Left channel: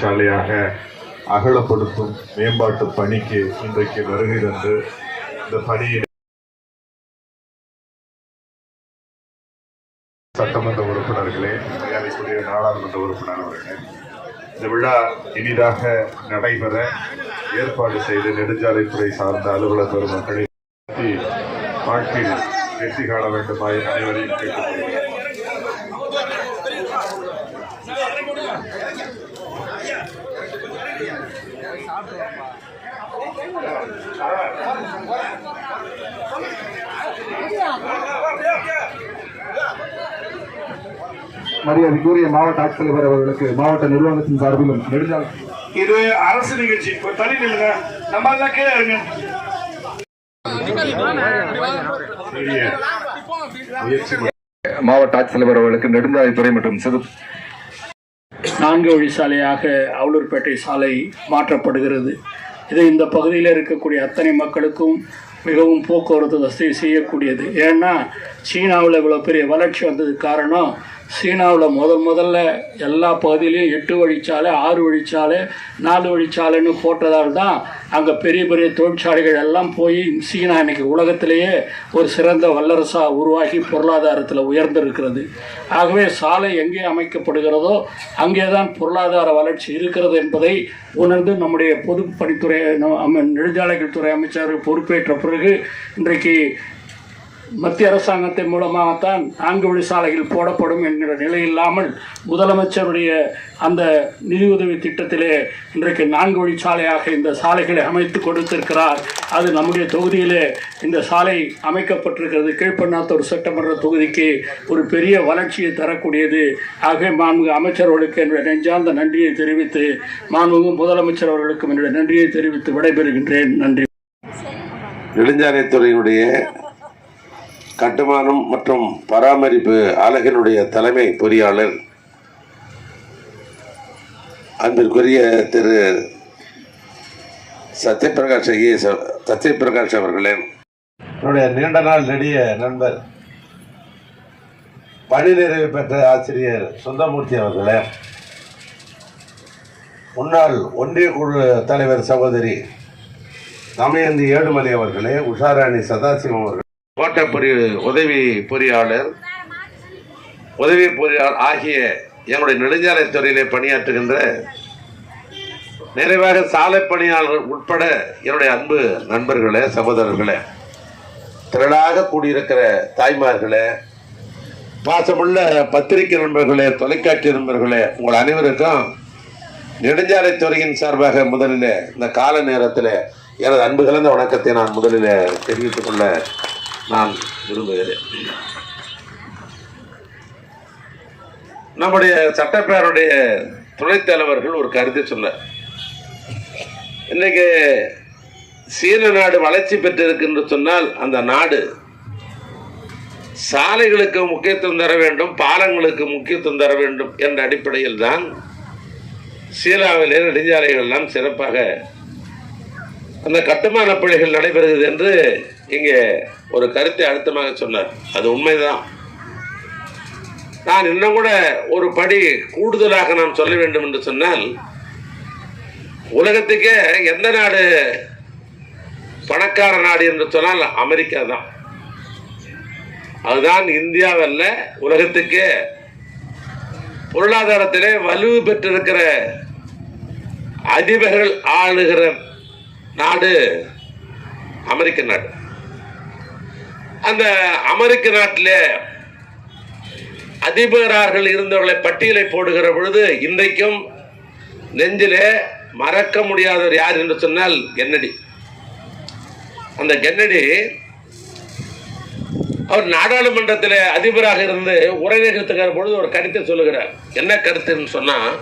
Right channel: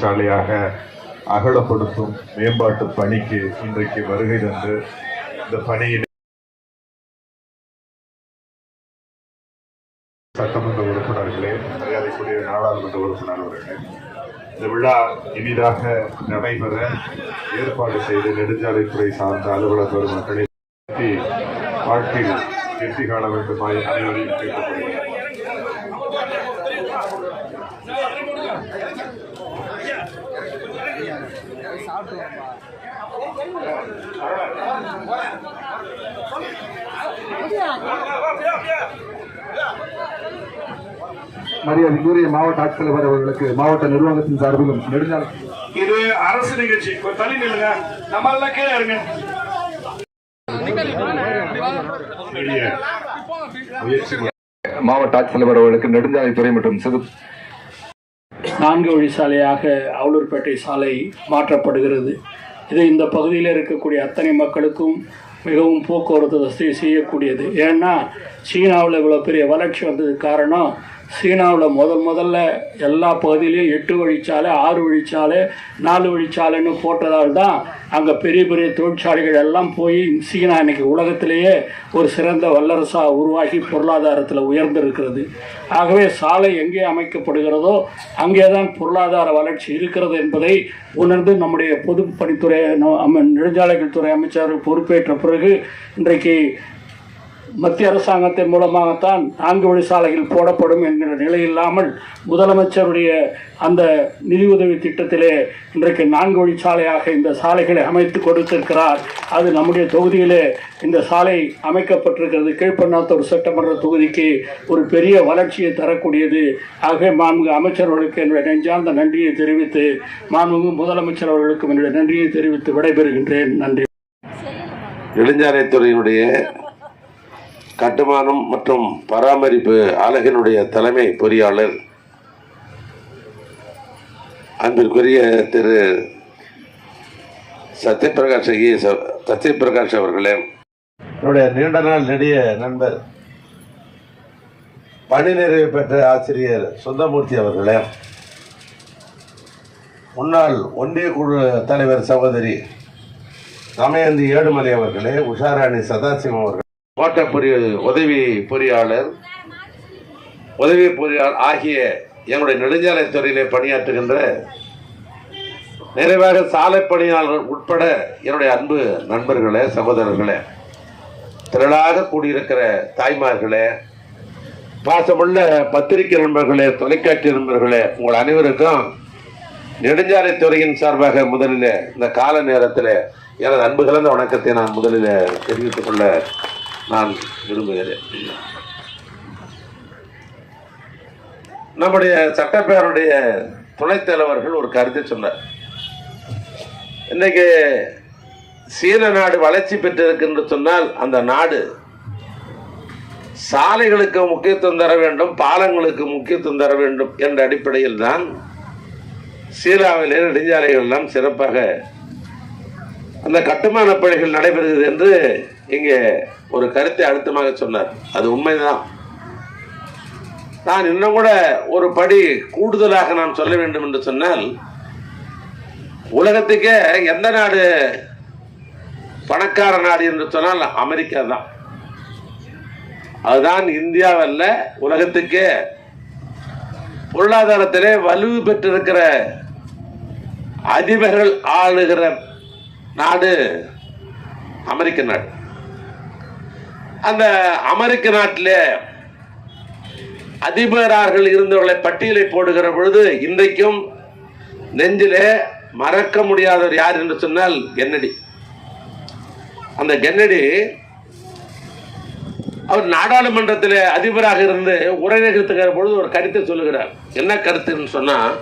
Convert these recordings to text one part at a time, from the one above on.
தொழிற்சாலையாக அகலப்படுத்தும் மேம்பாட்டு பணிக்கு இன்றைக்கு வருகை தந்து இந்த பணியில் சட்டமன்ற உறுப்பினர்களே மரியாதைக்குரிய நாடாளுமன்ற உறுப்பினர் அவர்களே இந்த விழா இனிதாக நடைபெற ஏற்பாடு செய்து நெடுஞ்சாலைத்துறை சார்ந்த அலுவலர் பெருமக்களை வாழ்க்கையில் வெற்றி காண வேண்டுமாய் அனைவரையும் கேட்டுக்கொள்கிறேன். மரியாதைக்குரிய மாவட்ட ஆட்சித்தலைவர் அவர்களுக்கு மாவட்ட நிர்வாகத்தின் சார்பிலும் நெடுஞ்சாலை. இது அரசு நிகழ்ச்சி. தள்ளி நில்லுங்க. நம்ம எல்லாம் கீழே இருங்க மாவட்ட ஆட்சித்தலைவர் அவர்களுக்கு நெடுஞ்சாலைத்துறை மற்றும் சிறு நான்கு வழி சாலையாக அவலூர்பேட்டை சாலை மாற்றப்படுகிறது. இது இந்த பகுதியில் இருக்கக்கூடிய அத்தனை மக்களுக்கும் மிகவும் போக்குவரத்து வசதி செய்யக்கூடியது. ஏன்னா சீனாவில் இவ்வளோ பெரிய வளர்ச்சி வந்ததுக்கு காரணம் சீனாவில் முதல் முதல்ல எல்லா பகுதியிலையும் எட்டு வழிச்சாலை ஆறு வழிச்சாலை நாலு வழிச்சாலைன்னு போட்டதால் தான் அங்கே பெரிய பெரிய தொழிற்சாலைகள் எல்லாம் போய் சீனா இன்னைக்கு உலகத்திலேயே ஒரு சிறந்த வல்லரசாக உருவாகி பொருளாதாரத்தில் உயர்ந்திருக்கிறது. ஆகவே சாலை எங்கே அமைக்கப்படுகிறதோ அங்கே தான் பொருளாதார வளர்ச்சி இருக்கிறது என்பதை உணர்ந்து நம்முடைய பொதுப்பணித்துறை பணித்துறை நெடுஞ்சாலைகள் துறை அமைச்சர் பொறுப்பேற்ற பிறகு இன்றைக்கு மத்திய அரசாங்கத்தின் மூலமாகத்தான் நான்கு வழி சாலைகள் போடப்படும் என்கிற நிலை இல்லாமல் முதலமைச்சருடைய அந்த நிதியுதவி திட்டத்திலே இன்றைக்கு நான்கு வழி சாலையாக இந்த சாலைகளை அமைத்து கொடுத்திருக்கிறார். அது நம்முடைய தொகுதியிலே இந்த சாலை அமைக்கப்பட்டிருக்கிறது. கீழ்பண்ணாத்தூர் சட்டமன்ற தொகுதிக்கு ஒரு பெரிய வளர்ச்சியை தரக்கூடியது. ஆகவே மாண்புமிகு அமைச்சர்களுக்கு என்னுடைய நெஞ்சார்ந்த நன்றியை தெரிவித்து மாண்புமிகு முதலமைச்சர் அவர்களுக்கும் என்னுடைய நன்றியை தெரிவித்து விடைபெறுகின்றேன். நன்றி. நெடுஞ்சாலைத்துறையினுடைய கட்டுமானம் மற்றும் பராமரிப்பு அலகினுடைய தலைமை பொறியாளர் அன்பிற்குரிய திரு சத்யபிரகாஷ் ஐஏஎஸ் சத்யபிரகாஷ் அவர்களே. என்னுடைய நீண்ட நாள் நெடிய நண்பர் பணி நிறைவு பெற்ற ஆசிரியர் சுந்தமூர்த்தி அவர்களே முன்னாள் ஒன்றிய குழு தலைவர் சகோதரி தமயந்தி ஏழுமலை அவர்களே உஷாராணி சதாசிவம் அவர்கள் தோட்ட பொறி உதவி பொறியாளர் உதவி பொறியாளர் ஆகிய எங்களுடைய நெடுஞ்சாலைத் துறையிலே பணியாற்றுகின்ற நிறைவாக சாலை பணியாளர்கள் உட்பட என்னுடைய அன்பு நண்பர்களே சகோதரர்களே திரளாக கூடியிருக்கிற தாய்மார்களே பாசமுள்ள பத்திரிகை நண்பர்களே தொலைக்காட்சி நண்பர்களே உங்கள் அனைவருக்கும் நெடுஞ்சாலைத்துறையின் சார்பாக முதலில் இந்த கால நேரத்தில் எனது அன்பு கலந்த வணக்கத்தை நான் முதலில் தெரிவித்துக் கொள்ள நான் விரும்புகிறேன் நம்முடைய சட்டப்பேரனுடைய துணைத் தலைவர்கள் ஒரு கருத்தை சொன்னார். இன்றைக்கு சீன நாடு வளர்ச்சி பெற்றிருக்குன்னு சொன்னால் அந்த நாடு சாலைகளுக்கு முக்கியத்துவம் தர வேண்டும் பாலங்களுக்கு முக்கியத்துவம் தர வேண்டும் என்ற அடிப்படையில் தான் சீனாவிலே நெடுஞ்சாலைகள் எல்லாம் சிறப்பாக அந்த கட்டுமான பணிகள் நடைபெறுகிறது என்று இங்கே ஒரு கருத்தை அழுத்தமாக சொன்னார். அது உண்மைதான். நான் இன்னும் கூட ஒரு படி கூடுதலாக நான் சொல்ல வேண்டும் என்று சொன்னால் உலகத்துக்கே எந்த நாடு பணக்கார நாடு என்று சொன்னால் அமெரிக்கா தான். அதுதான் இந்தியாவல்ல உலகத்துக்கே பொருளாதாரத்திலே வலுவு பெற்றிருக்கிற அதிபர்கள் ஆளுகிற நாடு அமெரிக்க நாடு. அந்த அமெரிக்க நாட்டிலே அதிபரார்கள் இருந்தவர்களை பட்டியலை போடுகிற பொழுது இன்றைக்கும் நெஞ்சிலே மறக்க முடியாதவர் யார் என்று சொன்னால் கென்னடி. அந்த கென்னடி அவர் நாடாளுமன்றத்தில் அதிபராக இருந்து உரை நிகழ்த்துகிற பொழுது ஒரு கருத்தை சொல்லுகிறார். என்ன கருத்துன்னு சொன்னால்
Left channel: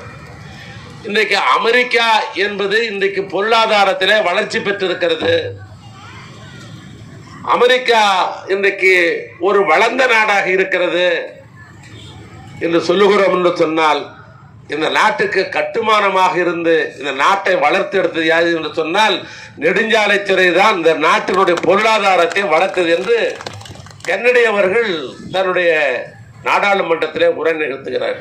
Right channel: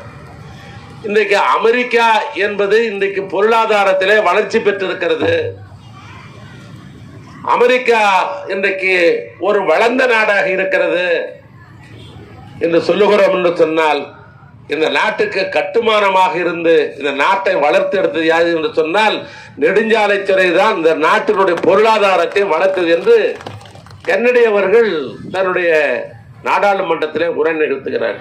இன்றைக்கு அமெரிக்கா என்பது இன்றைக்கு பொருளாதாரத்தில் வளர்ச்சி பெற்றிருக்கிறது. அமெரிக்கா இன்றைக்கு ஒரு வளர்ந்த நாடாக இருக்கிறது என்று சொல்லுகிறோம் என்று சொன்னால் இந்த நாட்டுக்கு கட்டுமானமாக இருந்து இந்த நாட்டை வளர்த்து எடுத்தது யாது என்று சொன்னால் நெடுஞ்சாலைத்துறை தான் இந்த நாட்டினுடைய பொருளாதாரத்தை வளர்த்தது என்று கென்னடி அவர்கள் தன்னுடைய நாடாளுமன்றத்திலே உரை நிறுத்துகிறார்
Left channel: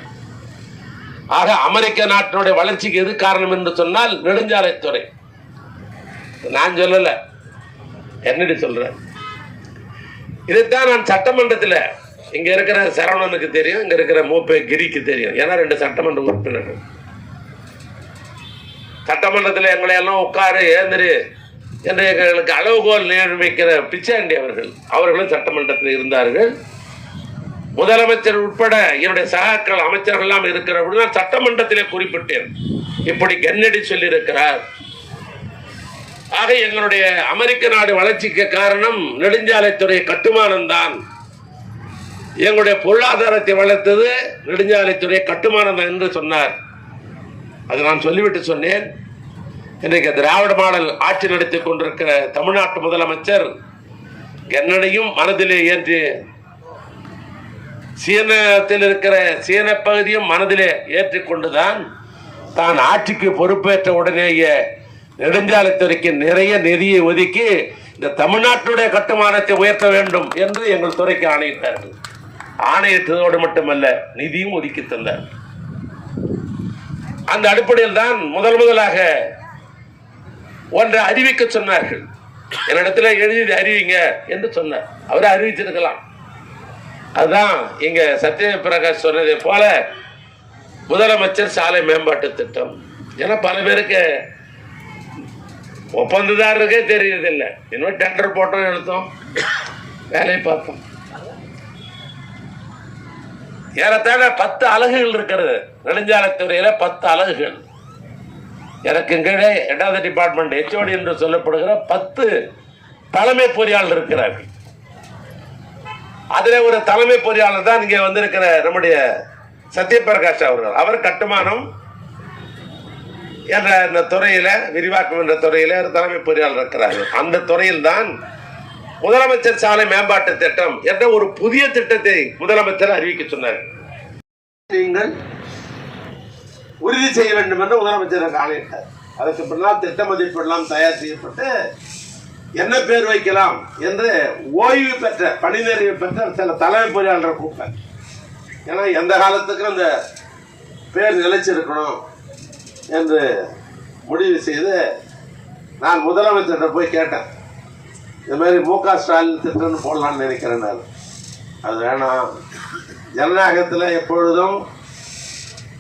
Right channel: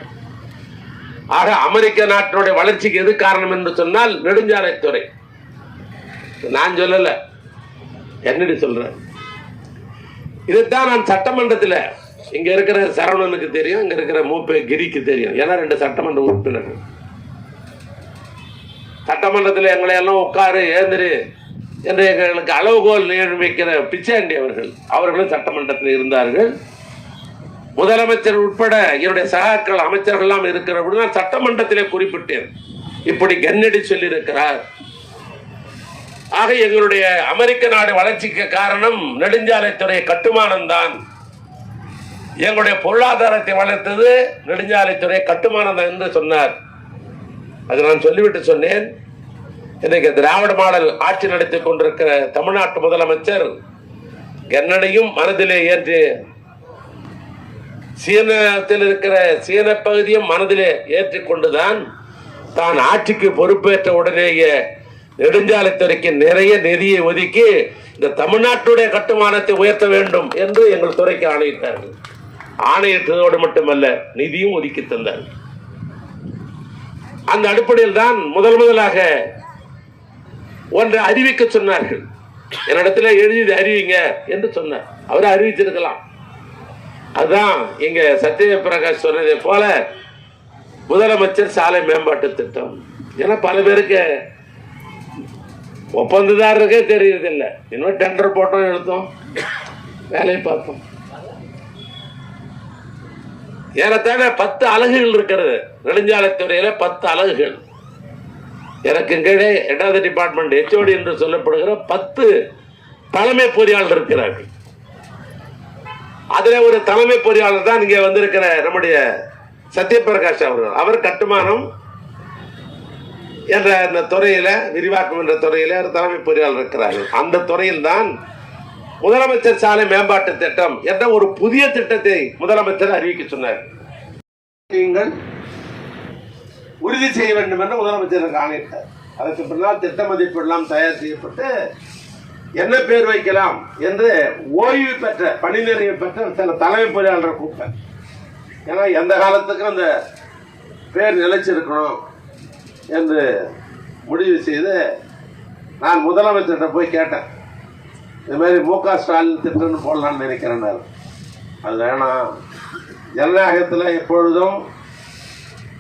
ஆக அமெரிக்க நாட்டினுடைய வளர்ச்சிக்கு எது காரணம் என்று சொன்னால் நெடுஞ்சாலைத்துறை நான் சொல்லல. என்னடி சொல்றேன் இதைத்தான் நான் சட்டமன்றத்தில் இங்க இருக்கிற சரவணனுக்கு தெரியும் இங்க இருக்கிற மூப்பே கிரிக்கு தெரியும். ஏன்னா ரெண்டு சட்டமன்ற உறுப்பினர்கள். சட்டமன்றத்தில் எங்களை எல்லாம் உட்காரு ஏந்திரு. என்று எங்களுக்கு அளவுகோல் நியமிக்கிற பிச்சாண்டி அவர்கள் அவர்களும் சட்டமன்றத்தில் இருந்தார்கள். முதலமைச்சர் உட்பட என்னுடைய சகாக்கள் அமைச்சர்கள்லாம் இருக்கிற நான் சட்டமன்றத்திலே குறிப்பிட்டேன். இப்படி கன்னடி சொல்லியிருக்கிறார். ஆக எங்களுடைய அமெரிக்க நாடு வளர்ச்சிக்கு காரணம் நெடுஞ்சாலைத்துறை கட்டுமானம் தான் எங்களுடைய பொருளாதாரத்தை வளர்த்தது நெடுஞ்சாலைத்துறை கட்டுமானம் தான் என்று சொன்னார். அது நான் சொல்லிவிட்டு சொன்னேன். இன்றைக்கு திராவிட மாடல் ஆட்சி நடத்தி கொண்டிருக்கிற தமிழ்நாட்டு முதலமைச்சர் என்னையும் மனதிலே ஏற்றி சீனத்தில் இருக்கிற சீன பகுதியும் மனதிலே ஏற்றிக்கொண்டுதான் தான் ஆட்சிக்கு பொறுப்பேற்ற உடனேயே நெடுஞ்சாலைத்துறைக்கு நிறைய நிதியை ஒதுக்கி இந்த தமிழ்நாட்டுடைய கட்டுமானத்தை உயர்த்த வேண்டும் என்று எங்கள் துறைக்கு ஆணையிட்டார்கள். ஆணையிட்டதோடு மட்டுமல்ல நிதியும் ஒதுக்கி தந்தார் அந்த அடிப்படையில் தான் முதல் முதலாக ஒன்றை அறிவிக்க சொன்னார்கள். என்னிடத்துல எழுதி அறிவிங்க என்று சொன்னார். அவரை அறிவிச்சிருக்கலாம் அதுதான் இங்க சத்யதேவ் பிரகாஷ் சொன்னதை போல முதலமைச்சர் சாலை மேம்பாட்டு திட்டம். ஏன்னா பல பேருக்கு ஒப்பந்ததாரருக்கே தெரியறதில்லை. இன்னும் டெண்டர் போட்டோம் எடுத்தோம். வேலையை பார்த்தோம். ஏறத்தாழ பத்து அலகுகள் இருக்கிறது. நெடுஞ்சாலைத்துறையில பத்து அலகுகள். எனக்கு கீழே இரண்டாவது டிபார்ட்மெண்ட் ஹெச்ஓடி என்று சொல்லப்படுகிற பத்து தலைமை பொறியாளர் இருக்கிறார்கள். அதில் ஒரு தலைமை பொறியாளர் தான் இங்கே வந்திருக்கிற நம்முடைய சத்யபிரகாஷ் அவர்கள். அவர் கட்டுமானம் என்ற அந்த துறையில விரிவாக்கம் என்ற துறையில தலைமை பொறியாளர் இருக்கிறார். அந்த துறையில் தான் முதலமைச்சர் சாலை மேம்பாட்டு திட்டம் என்ற ஒரு புதிய திட்டத்தை முதலமைச்சர் அறிவிக்க சொன்னார். நீங்கள் உறுதி செய்ய வேண்டும் என்று முதலமைச்சர் ஆணையிட்டார். அதற்கு பின்னால் திட்ட மதிப்பீடு எல்லாம் தயார் செய்யப்பட்டு என்ன பேர் வைக்கலாம் என்று ஓய்வு பெற்ற பணி நிறைவு பெற்ற சில தலைமை பொறியாளர் கூப்பிட்டேன் ஏன்னா எந்த காலத்துக்கும் அந்த பேர் நிலைச்சிருக்கணும். என்று முடிவு செய்து நான் முதலமைச்சர்கிட்ட போய் கேட்டேன். இது மாதிரி மு க ஸ்டாலின் திட்டம்னு போடலாம்னு நினைக்கிறேன் நான். அது வேணாம். ஜனநாயகத்தில் எப்பொழுதும்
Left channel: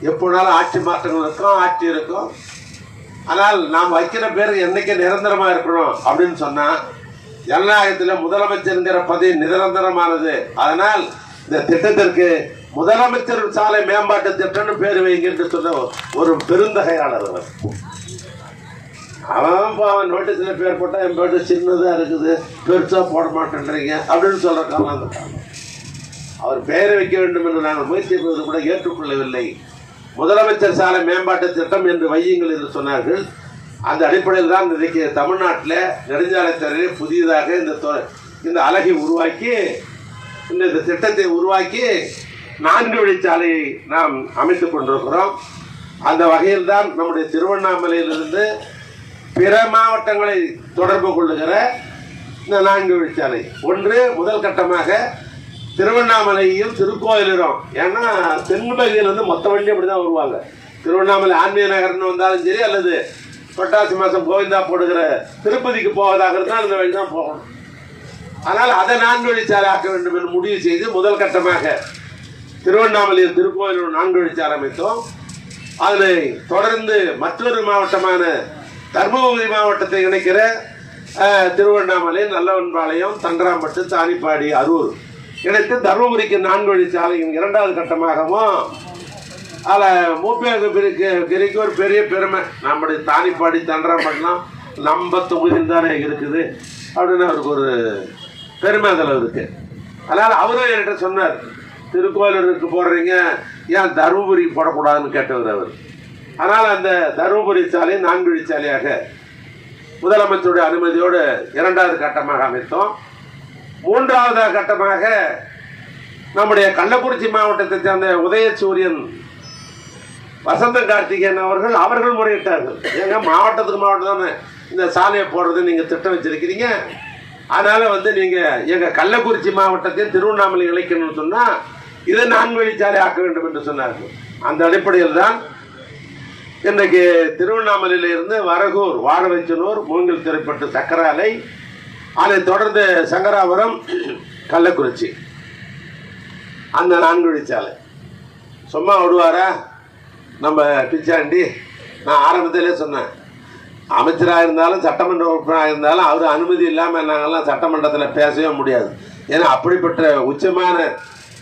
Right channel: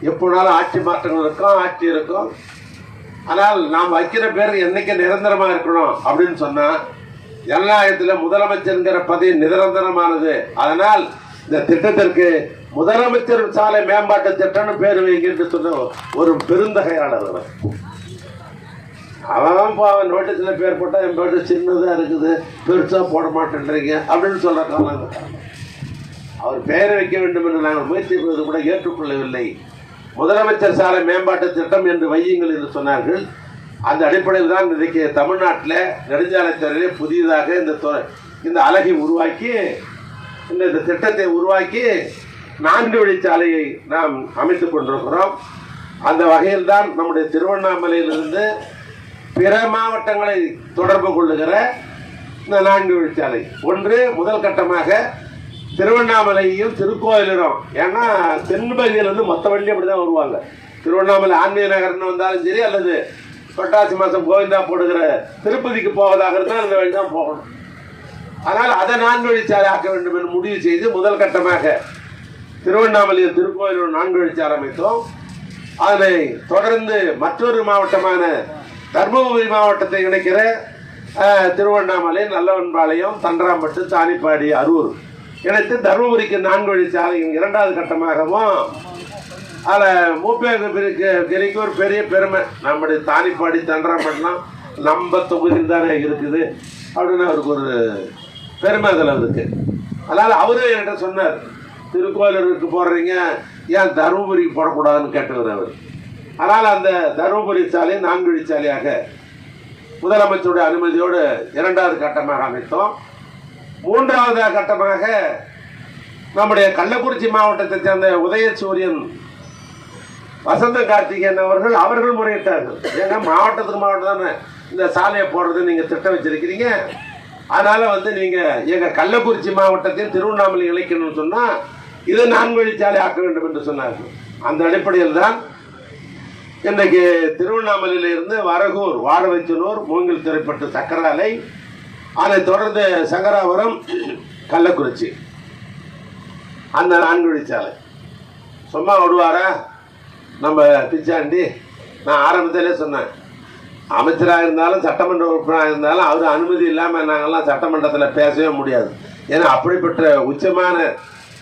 எப்போனாலும் ஆட்சி மாற்றங்கள் இருக்கும் ஆட்சி இருக்கும். ஆனால் நாம் வைக்கிற பேர் என்னைக்கு நிரந்தரமாக இருக்கணும் அப்படின்னு சொன்னால் ஜனநாயகத்தில் முதலமைச்சருங்கிற பதவி நிரந்தரமானது. அதனால் இந்த திட்டத்திற்கு முதலமைச்சர் சாலை மேம்பாட்டு திட்டம்னு பேர் வைங்க என்று சொன்ன ஒரு பெருந்தகையாளர் அவர். அவன் அவன் நோட்டீஸில் பேர் போட்டால் என் பேட்டு சின்னதாக இருக்குது பெருசாக போட மாட்டேன்றீங்க அப்படின்னு சொல்கிற காலம் அவர் பெயரை வைக்க வேண்டும் என்று நாங்கள் முயற்சி செய்வது கூட ஏற்றுக்கொள்ளவில்லை. முதலமைச்சர் சாலை மேம்பாட்டு திட்டம் என்று வையுங்கள் என்று சொன்னார்கள். அந்த அடிப்படையில் தான் இன்றைக்கு தமிழ்நாட்டில் நெடுஞ்சாலைத்துறையிலே புதியதாக இந்த இந்த அழகை உருவாக்கி இந்த இந்த திட்டத்தை உருவாக்கி நான்கு வழிச்சாலையை நாம் அமைத்துக் கொண்டிருக்கிறோம். அந்த வகையில் தான் நம்முடைய திருவண்ணாமலையிலிருந்து பிற மாவட்டங்களை தொடர்பு கொள்ளுகிற இந்த நான்கு வழிச்சாலை ஒன்று முதல் கட்டமாக திருவண்ணாமலையும் திருக்கோயிலும் ஏன்னா தென்பகுதியிலிருந்து மொத்த வண்டி அப்படி தான் வருவாங்க. திருவண்ணாமலை ஆன்மீக நகர்னு வந்தாலும் சரி அல்லது பட்டாசி மாதம் கோவிந்தா போடுகிற திருப்பதிக்கு போவதாக இருந்தால் அந்த வழி தான் போகணும். ஆனால் அதை நான்கு வழிச்சாலை ஆக்க வேண்டும் என்று முடிவு செய்து முதல் கட்டமாக திருவண்ணாமலையில் திருக்கோயிலூர் நான்கு வழிச்சாலை ஆரம்பித்தோம். அதனை தொடர்ந்து மற்றொரு மாவட்டமான தர்மபுரி மாவட்டத்தை இணைக்கிற திருவண்ணாமலை நல்லவன்பாளையம் தண்டராம்பட்டு தானிப்பாடி அரூர் இணைத்து தர்மபுரிக்கு நான்கு வழிச்சாலையின் இரண்டாவது கட்டமாகவும் அதில் மூப்பேருக்கு கிரிக்கு ஒரு பெரிய பெருமை. நம்முடைய தானிப்பாடி தண்டராம்பட்டுலாம் நம்ம தொகுதியில் தானே இருக்குது அப்படின்னு அவருக்கு ஒரு பெருமை அதில் இருக்குது அதனால் அவரும் என்கிட்ட சொன்னார். திருக்கோயிலூருக்கு போடுறீங்க ஏன் தருமபுரிக்கு போடக்கூடாதுன்னு கேட்டவர் அவர். ஆனால் அந்த தருமபுரி சாலை நான்குழி சாலையாக முதலமைச்சருடைய அனுமதியோடு இரண்டாவது கட்டமாக அமைத்தோம். மூன்றாவது கட்டமாக நம்முடைய கள்ளக்குறிச்சி மாவட்டத்தை சேர்ந்த உதயசூரியன் வசந்த கார்த்திகேயன் அவர்கள் அவர்கள் முறையிட்டார்கள். ஏங்க மாவட்டத்துக்கு மாவட்டம் தானே? இந்த சாலையை போடுறது நீங்கள் திட்டம் வச்சிருக்கிறீங்க. அதனால் வந்து நீங்கள் எங்கள் கள்ளக்குறிச்சி மாவட்டத்தில் திருவண்ணாமலை இணைக்கணும்னு சொன்னால் இதை நான்கு வழிச்சாலை ஆக்க வேண்டும் என்று சொன்னார்கள். அந்த அடிப்படையில் தான் இன்றைக்கு திருவண்ணாமலையில இருந்து வரகூர் வாழவைச்சனூர் மூங்கில் திரைப்பட்டு சக்கராலை அதைத் தொடர்ந்து சங்கராபுரம் கள்ளக்குறிச்சி. அந்த நான்கு வழிச்சாலை சும்மா விடுவாரா? நம்ம பிச்சாண்டி நான் ஆரம்பத்திலே சொன்னேன். அமைச்சராக இருந்தாலும் சட்டமன்ற உறுப்பினராக இருந்தாலும் அவர் அனுமதி இல்லாமல் நாங்கள்லாம் சட்டமன்றத்தில் பேசவே முடியாது. ஏன்னா அப்படிப்பட்ட உச்சமான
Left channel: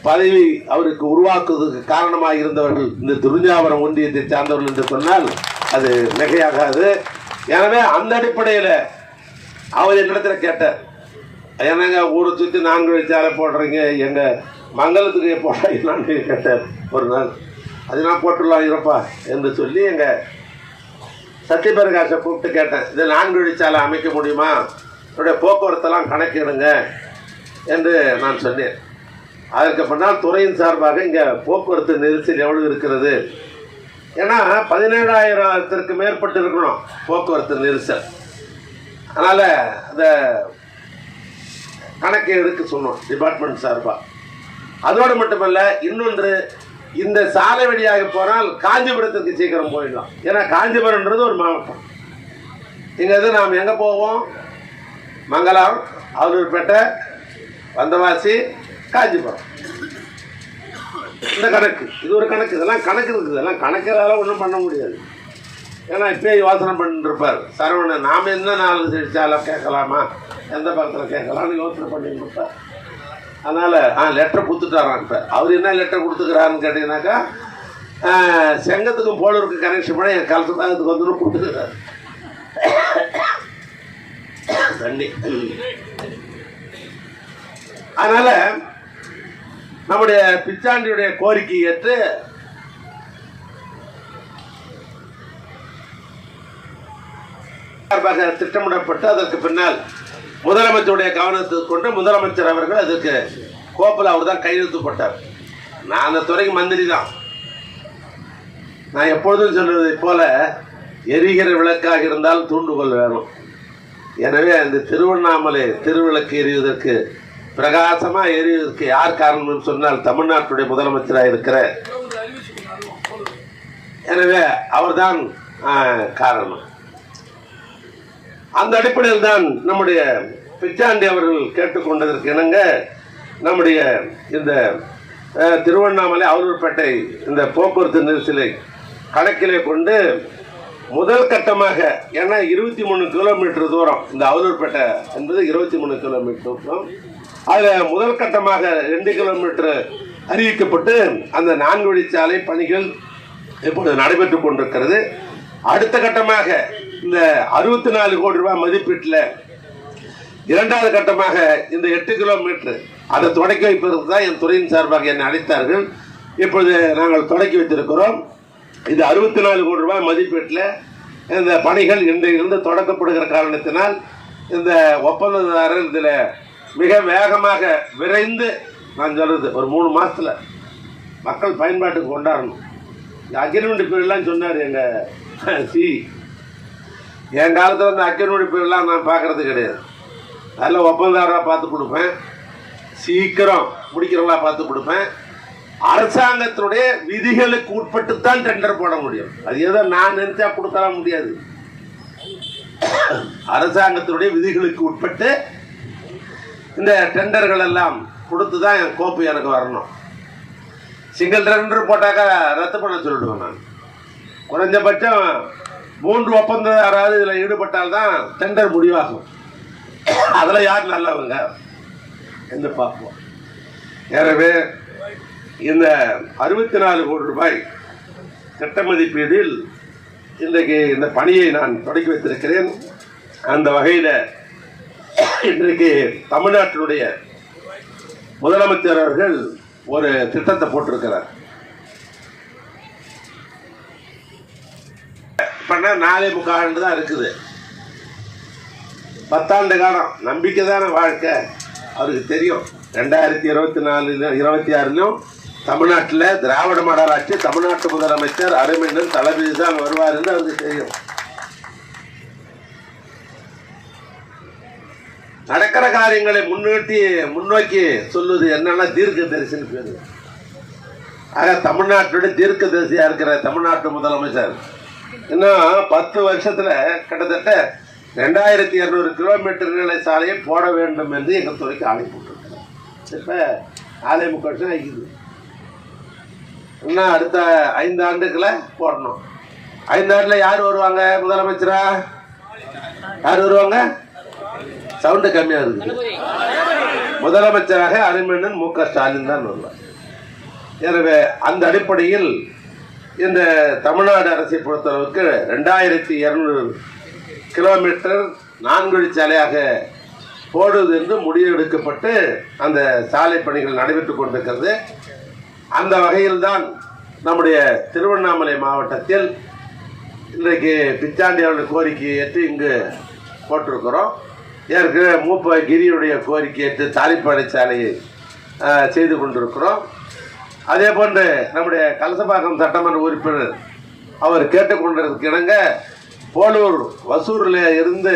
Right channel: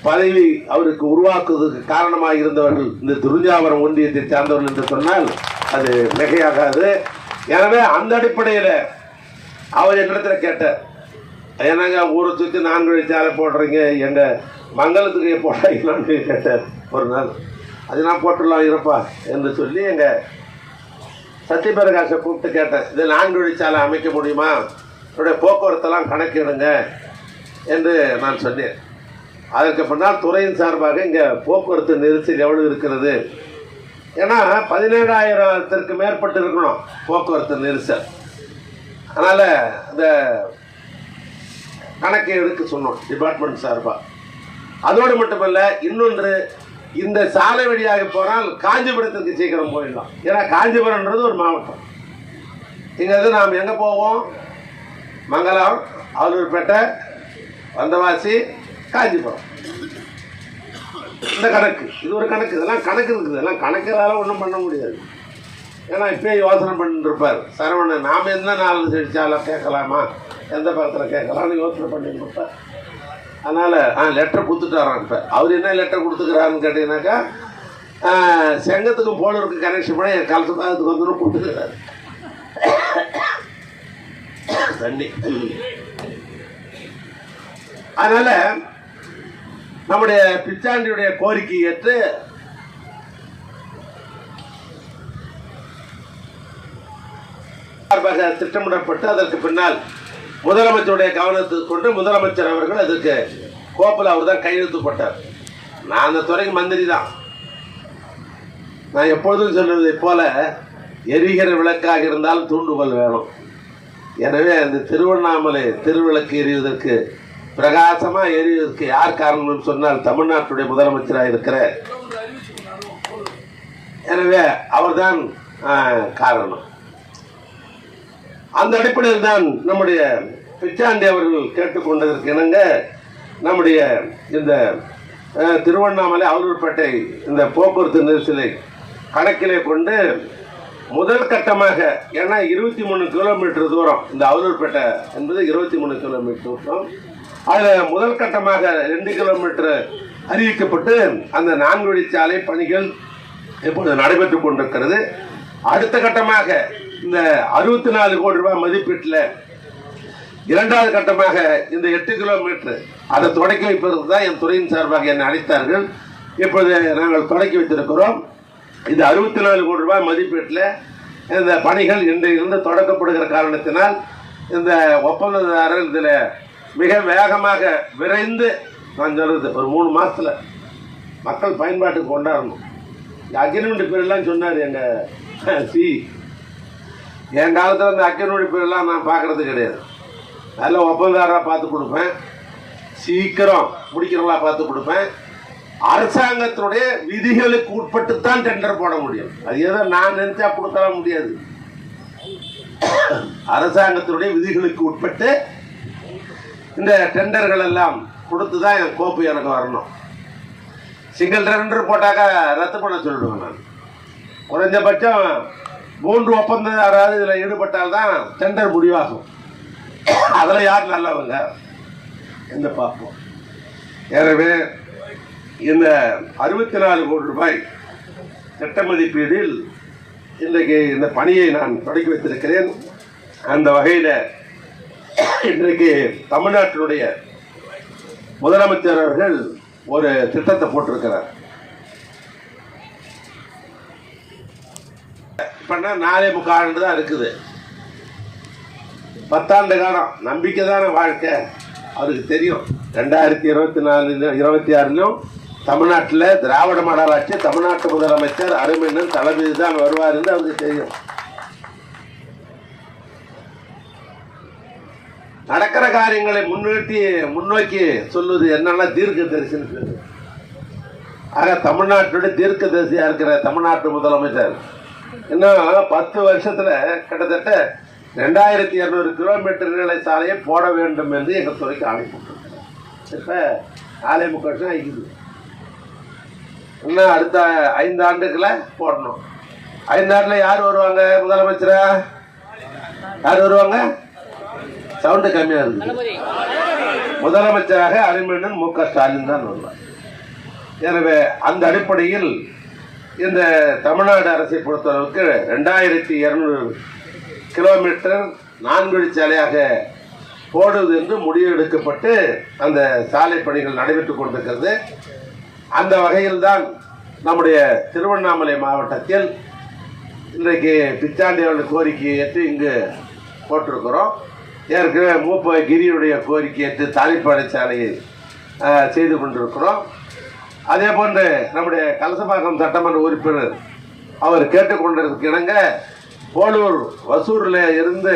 பதவி அவருக்கு உருவாக்குவதற்கு காரணமாக இருந்தவர்கள் இந்த திருஞ்சாவரம் ஒன்றியத்தை சார்ந்தவர்கள் என்று சொன்னால் அது மிகையாகாது. எனவே அந்த அடிப்படையில் அவர் என்னிடத்தில் கேட்டார். என்னங்க ஊரை சுற்றி நான்கு வழிச்சாலை போடுறீங்க? எங்கள் மங்களத்துக்கு போடுறீங்களான்னு கேட்டார். ஒரு நாள். அது நான் போட்டுடலாம் இருப்பா என்று சொல்லி எங்கள் சத்யபிரகாஷை கூப்பிட்டு கேட்டேன். இது நான்கு வழிச்சாலை அமைக்க முடியுமா? என்னுடைய போக்குவரத்தெல்லாம் கணக்கிடுங்க என்று நான் சொன்னேன். அதற்கு பின்னால் துறையின் சார்பாக இங்கே போக்குவரத்து நெரிசல் எவ்வளவு இருக்கிறது? ஏன்னா பதினேழாயிரத்திற்கு மேற்பட்டு இருக்கணும் போக்குவரத்து நெரிசல். அதனால் அந்த கணக்கை எடுக்க சொன்னோம் டிபார்ட்மெண்ட் சார்பாக அதோடு மட்டுமல்ல இன்னொன்று இந்த சாலை வழியாக போனால் காஞ்சிபுரத்துக்கு சீக்கிரம் போயிடலாம். ஏன்னா காஞ்சிபுரம்ன்றது ஒரு மாவட்டம். இங்கேருந்து நாம் எங்கே போவோம்? மங்கலம் அவலூர்பேட்டை வந்தவாசி காஞ்சிபுரம் இந்த கணக்கு இது ஒரு கணக்கு இதெல்லாம் கணக்கு இருக்குது. இதெல்லாம் கணக்கெல்லாம் ஒன்றும் பண்ண முடியாது. ஏன்னா இப்பயே யோசனை பண்ணிட்டு இருப்பார் சரவணன் நாம் என்ன நாள் செடிச்சாலும் கேட்கலாமா? எந்த படத்தில் கேட்கலாம்னு யோசனை பண்ணிட்டு இருப்பார் அதனால் ஆ லெட்டர் கொடுத்துட்டாராம் இப்போ. அவர் என்ன லெட்டர் கொடுத்துக்கிறாருன்னு கேட்டிங்கனாக்கா செங்கத்துக்கும் போலூருக்கு கனெக்ஷன் பண்ணி என் கலசத்தாகத்துக்கு வந்து கொடுத்துருக்காரு தண்ணி. அதனால் நம்முடைய பிச்சாண்டியுடைய கோரிக்கை ஏற்று சார்பாக திட்டமிடப்பட்டு அதற்கு பின்னால் முதலமைச்சருடைய கவனத்துக்கு கொண்டு முதலமைச்சர் அவர்கள் அதற்கு கோப்பில் அவர் தான் கையெழுத்து போட்டார் நான் அந்த துறைக்கு மந்திரி தான். நான் எப்பொழுதும் சொல்வதை போல எரிகிற விளக்காக இருந்தால் தூண்டுகோல் வேணும். எனவே அந்த திருவண்ணாமலை திருவிளக்கு எரிவதற்கு பிரகாசமாக எரிவதற்கு யார் காரணம்னு சொன்னால் தமிழ்நாட்டுடைய முதலமைச்சராக இருக்கிற எனவே அவர்தான் காரணம். அந்த அடிப்படையில் தான் நம்முடைய பிச்சாண்டி அவர்கள் கேட்டுக்கொண்டதற்கு இணங்க நம்முடைய இந்த திருவண்ணாமலை அவலூர்பேட்டை இந்த போக்குவரத்து நெரிசலை கணக்கிலே கொண்டு முதல் கட்டமாக ஏன்னா இருபத்தி மூணு கிலோமீட்டர் தூரம் இந்த அவலூர்பேட்டை என்பது இருபத்தி மூணு கிலோமீட்டர் தூரம். அதில் முதல் கட்டமாக ரெண்டு கிலோமீட்டர் அறிவிக்கப்பட்டு அந்த நான்கு வழிச்சாலை பணிகள் இப்பொழுது நடைபெற்றுக் கொண்டிருக்கிறது. அடுத்த கட்டமாக இந்த அறுபத்தி நாலு கோடி ரூபாய் மதிப்பீட்டில் இரண்டாவது கட்டமாக இந்த எட்டு கிலோமீட்டர் அதை தொடக்கி வைப்பதற்கு தான் என் துறையின் சார்பாக என்னை அழைத்தார்கள். இப்பொழுது நாங்கள் தொடக்கி வைத்திருக்கிறோம். இந்த அறுபத்தி நாலு கோடி ரூபாய் மதிப்பீட்டில் இந்த பணிகள் இன்றையிலிருந்து தொடக்கப்படுகிற காரணத்தினால் இந்த ஒப்பந்ததாரர் இதில் மிக வேகமாக விரைந்து நான் சொல்கிறது ஒரு மூணு மாதத்தில் மக்கள் பயன்பாட்டுக்கு கொண்டாடணும். இந்த அக்ரிமெண்ட் பேரெல்லாம் சொன்னார் எங்கள் சி. என் காலத்தில் இந்த அக்ரிமெண்ட் பேரெல்லாம் நான் பார்க்கறது கிடையாது. அதில் ஒப்பந்தாராக பார்த்து கொடுப்பேன். சீக்கிரம் முடிக்கிறவங்களா பார்த்து கொடுப்பேன். அரசாங்கத்தினுடைய விதிகளுக்கு உட்பட்டு தான் டெண்டர் போட முடியும். அது ஏதோ நான் நினைச்சா கொடுக்கலாம் முடியாது. அரசாங்கத்தினுடைய விதிகளுக்கு உட்பட்டு இந்த டெண்டர்கள் எல்லாம் கொடுத்து தான் என் கோப்பு எனக்கு வரணும். சிங்கிள் டெண்டர் போட்டாக்கா ரத்து பண்ண சொல்லிடுவேன் நான். குறைஞ்சபட்சம் மூன்று ஒப்பந்தம் யாராவது இதில் ஈடுபட்டால் தான் டெண்டர் முடிவாகும். அதில் யார் நல்லவங்க? என்று பார்ப்போம். எனவே இந்த அறுபத்தி நாலு கோடி ரூபாய் திட்ட மதிப்பீடில் இன்றைக்கு இந்த பணியை நான் தொடங்கி வைத்திருக்கிறேன். அந்த வகையில் இன்றைக்கு தமிழ்நாட்டினுடைய முதலமைச்சர் அவர்கள் ஒரு திட்டத்தை போட்டிருக்கிறார். பண்ணா நாலே முக்கால் தான் இருக்குது. பத்தாண்டு காலம் நம்பிக்கை தானே வாழ்க்கை. அவருக்கு தெரியும். ரெண்டாயிரத்தி இருபத்தி நாலுல இருபத்தி ஆறுலையும் தமிழ்நாட்டில் திராவிட மாடலாட்சி தமிழ்நாட்டு முதலமைச்சர் அருமையினர் தளபதி தான் வருவாருன்னு அவருக்கு தெரியும். நடக்கிற காரியங்களை முன்னிறுத்தி முன்னோக்கி சொல்லுவது என்னன்னா தீர்க்க தரிசனம் பேரு. ஆக தமிழ்நாட்டுடைய தீர்க்கதரிசியா இருக்கிற தமிழ்நாட்டு முதலமைச்சர். இன்னும் பத்து வருஷத்துல கிட்டத்தட்ட ரெண்டாயிரத்தி இருநூறு கிலோமீட்டர் நிலை சாலையை போட வேண்டும் என்று எங்கள் துறைக்கு ஆணை போட்டிருக்கிறார் இப்போ ஆலை முக்கால் வருஷம் ஆகிக்குது. இன்னும் அடுத்த ஐந்து ஆண்டுகளை போடணும். ஐந்து ஆண்டில் யார் வருவாங்க முதலமைச்சரா? யார் வருவாங்க? சவுண்டு கம்மியா இருக்குது முதலமைச்சராக அறிமண்ணன் மு க ஸ்டாலின் தான் வருவார். எனவே அந்த அடிப்படையில் இந்த தமிழ்நாடு அரசை பொறுத்தளவுக்கு ரெண்டாயிரத்தி இருநூறு கிலோமீட்டர் நான்கு வழிச்சாலையாக போடுவது என்று முடிவெடுக்கப்பட்டு அந்த சாலை பணிகள் நடைபெற்றுக் கொண்டிருக்கிறது. அந்த வகையில்தான் நம்முடைய திருவண்ணாமலை மாவட்டத்தில் இன்றைக்கு பிச்சாண்டி அவர்கள் கோரிக்கையை ஏற்று இங்கு போட்டிருக்கிறோம். ஏற்கனவே மூப்ப கிரியுடைய கோரிக்கை ஏற்று தாலிப்பாடை சாலையை செய்து கொண்டிருக்கிறோம். அதே போன்று நம்முடைய கலசபாக்கம் சட்டமன்ற உறுப்பினர் அவர் கேட்டுக்கொண்டதற்கு இணங்க போலூர் வசூரில் இருந்து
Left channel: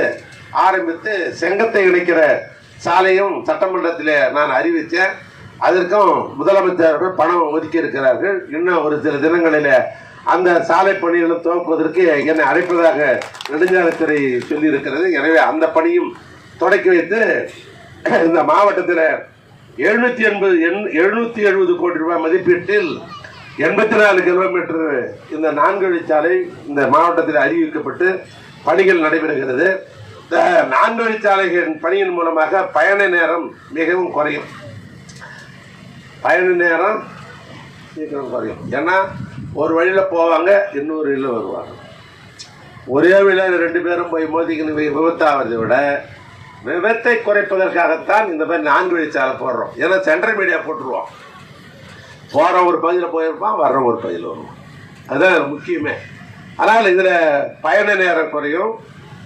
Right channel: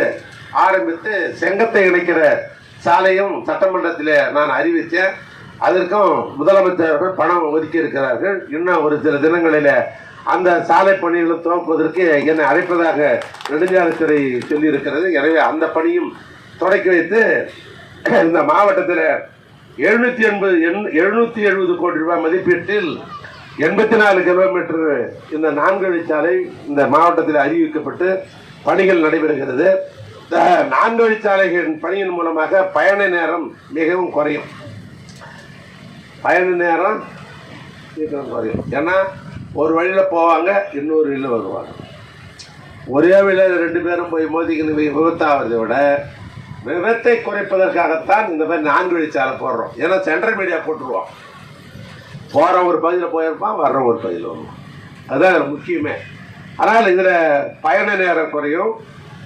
ஆரம்பித்து செங்கத்தை இணைக்கிற சாலையும் சட்டமன்றத்தில் நான் அறிவித்தேன். அதற்கும் முதலமைச்சர்கள் பணம் ஒதுக்கி இருக்கிறார்கள். இன்னும் ஒரு சில தினங்களில் அந்த சாலை பணிகளை துவக்குவதற்கு என்னை அழைப்பதாக நெடுஞ்சாலைத்துறை சொல்லியிருக்கிறது. எனவே அந்த பணியும் தொடக்கி வைத்து இந்த மாவட்டத்தில் எழுநூத்தி எண்பது எழுநூத்தி எழுபது கோடி ரூபாய் மதிப்பீட்டில் எண்பத்தி நாலு கிலோமீட்டர் இந்த நான்கு வழிச்சாலை இந்த மாவட்டத்தில் அறிவிக்கப்பட்டு பணிகள் நடைபெறுகிறது. இந்த நான்கு வழிச்சாலைகளின் பணியின் மூலமாக பயண நேரம் மிகவும் குறையும். பயண நேரம் சீக்கிரம் குறையும். ஏன்னா ஒரு வழியில் போவாங்க இன்னொரு வழியில் வருவாங்க. ஒரே வழியில் ரெண்டு பேரும் போய் மோதிக்கின்னு விபத்தாவதை விட விபத்தை குறைப்பதற்காகத்தான் இந்த மாதிரி நான்கு வழிச்சாலை போடுறோம். ஏன்னா சென்ட்ரல் மீடியா போட்டுருவோம். போகிற ஒரு பகுதியில் போயிருப்பான் வர்ற ஒரு பகுதியில் வருவான் அதுதான் முக்கியமே. ஆனால் இதில் பயண நேரம் குறையும்.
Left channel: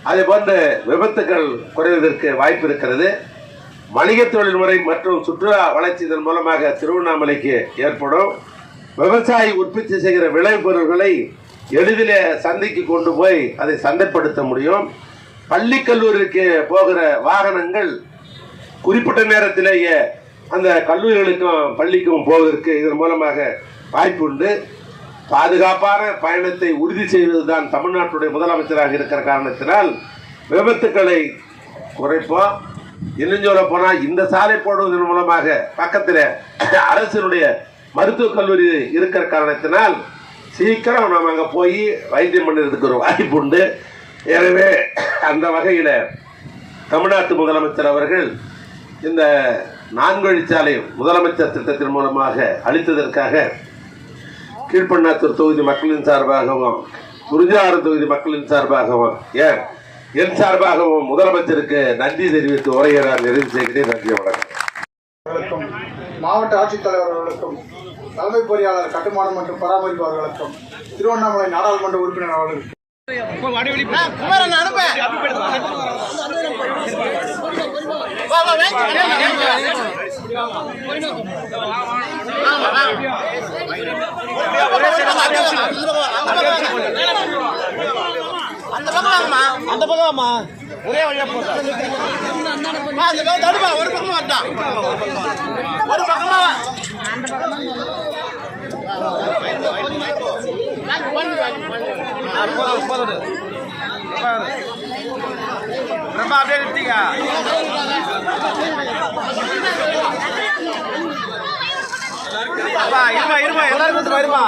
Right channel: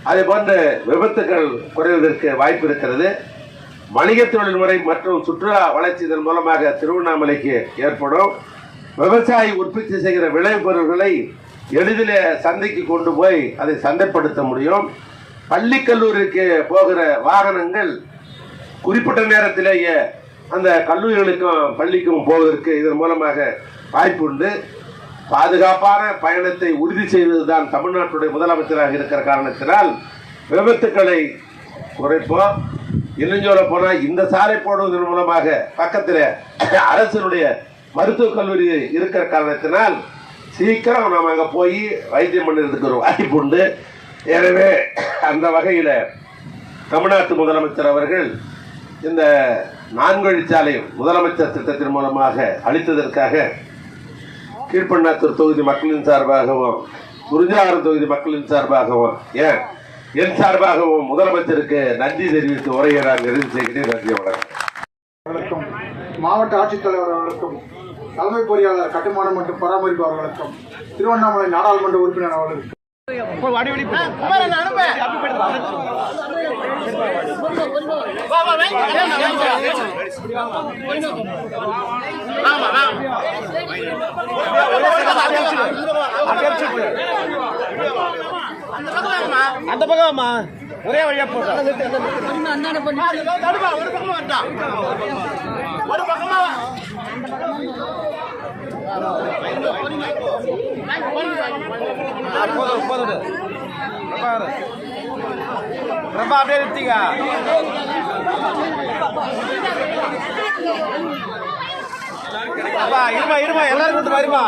அதே போன்று விபத்துகள் குறைவதற்கு வாய்ப்பு இருக்கிறது. வணிக தொழில்முறை மற்றும் சுற்றுலா வளர்ச்சி இதன் மூலமாக திருவண்ணாமலைக்கு ஏற்படும். விவசாயி உற்பத்தி செய்கிற விளைபொருட்களை எளிதில் சந்தைக்கு கொண்டு போய் அதை சந்தைப்படுத்த முடியும். பள்ளி கல்லூரிக்கு போகிற வாகனங்கள் குறிப்பிட்ட நேரத்திலேயே அந்த கல்லூரிகளுக்கும் பள்ளிக்கும் போவதற்கு இதன் மூலமாக வாய்ப்பு உண்டு. பாதுகாப்பான பயணத்தை உறுதி செய்வதுதான் தமிழ்நாட்டுடைய முதலமைச்சராக இருக்கிற காரணத்தினால் விபத்துக்களை குறைப்போம். இன்னும் சொல்ல போனால் இந்த சாலை போடுவதன் மூலமாக பக்கத்தில் அரசினுடைய மருத்துவக் கல்லூரி இருக்கிற காரணத்தினால் சீக்கிரம் நாம் அங்கே போய் வைத்தியம் பண்ணுறதுக்கு ஒரு வாய்ப்பு உண்டு. எனவே அந்த வகையில் தமிழ்நாட்டு முதலமைச்சர் அவர்கள் இந்த நான்கொழிச்சாலை முதலமைச்சர் திட்டத்தின் மூலமாக அளித்ததற்காக கீழ்பண்ணாத்தூர் தொகுதி மக்களின் சார்பாகவும் குறிஞ்சாறு தொகுதி மக்களின் சார்பாகவும் ஏன்? என் சார்பாகவும் முதலமைச்சருக்கு நன்றி தெரிவித்து உரையை நான் நிறைவு செய்கிறேன். நன்றி வணக்கம். மாவட்ட ஆட்சித்தலைவர் அவர்களுக்கும் தலைமை பொறியாளர் கட்டுமானம் மற்றும் பராமரிப்பு அவர்களுக்கும் திருவண்ணாமலை நாடாளுமன்ற உறுப்பினர் அவர்களுக்கும் அந்த பக்கம் ஒரே வழியா போக ஒரு பக்கமா வந்தான் ஒரு பக்கமா வா. ஆ, போதும் போதும் ரொம்ப அப்படியே இருப்பா இருமா இருமா எல்லாரும் இருமா.